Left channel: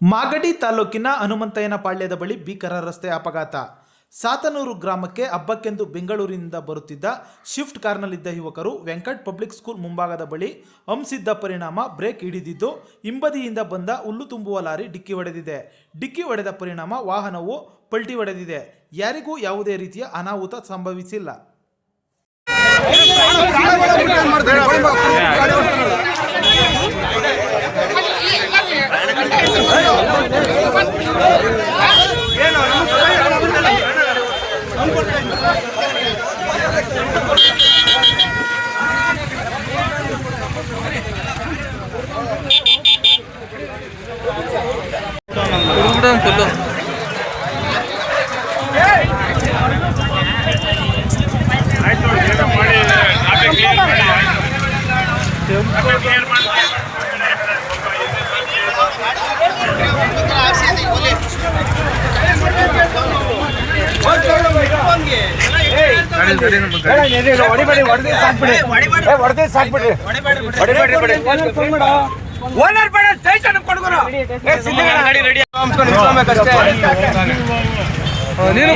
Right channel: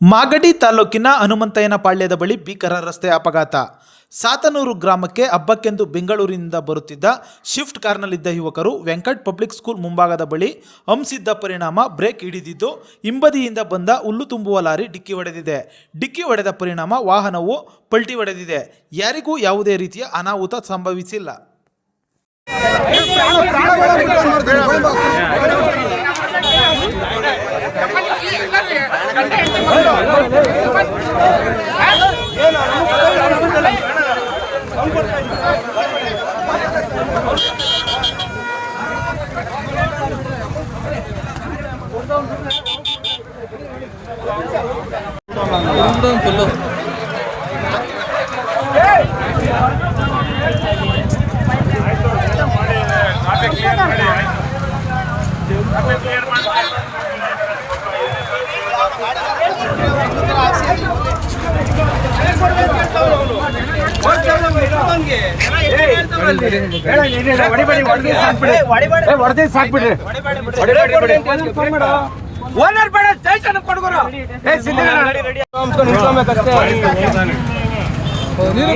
ಮಾಗಡಿ ತಾಲೂಕಿನ ಹನುಮಂತಯ್ಯನಪಾಳ್ಯದ ಬಳಿ ಭೀಕರ ರಸ್ತೆ ಅಪಘಾತ. ಸಾತನೂರು ಗ್ರಾಮಕ್ಕೆ ಹಬ್ಬಕ್ಕೆಂದು ಬೆಂಗಳೂರಿನಿಂದ ಬರುತ್ತಿದ್ದ ಶಿಫ್ಟ್ ಕಾರ್ನಲ್ಲಿದ್ದ ಯುವಕರು ವೆಂಕಟ್ ಪಬ್ಲಿಕ್ ಸ್ಕೂಲ್ ಮುಂಭಾಗದ ಬಳಿ ಹಂಸಿದ್ದ ಪರಿಣಾಮ ಬ್ರೇಕ್ ಹಿಡಿದಿದ್ದು ಹಿಂಬದಿಯಿಂದ ಬಂದ ಹುಲ್ಲು ತುಂಬುವ ಲಾರಿ ಡಿಕ್ಕಿ ಹೊಡೆದಿದೆ. ಡಿಕ್ಕಿ ಹೊಡೆದ ಪರಿಣಾಮ ವಾಹನವು ಪಲ್ಟಿ ಹೊಡೆದಿದೆ. ಯಾರಿಗೂ ಯಾವುದೇ ರೀತಿಯ ಅನಾಹುತ ಸಂಭವಿಸಿಲ್ಲ. ನೀನು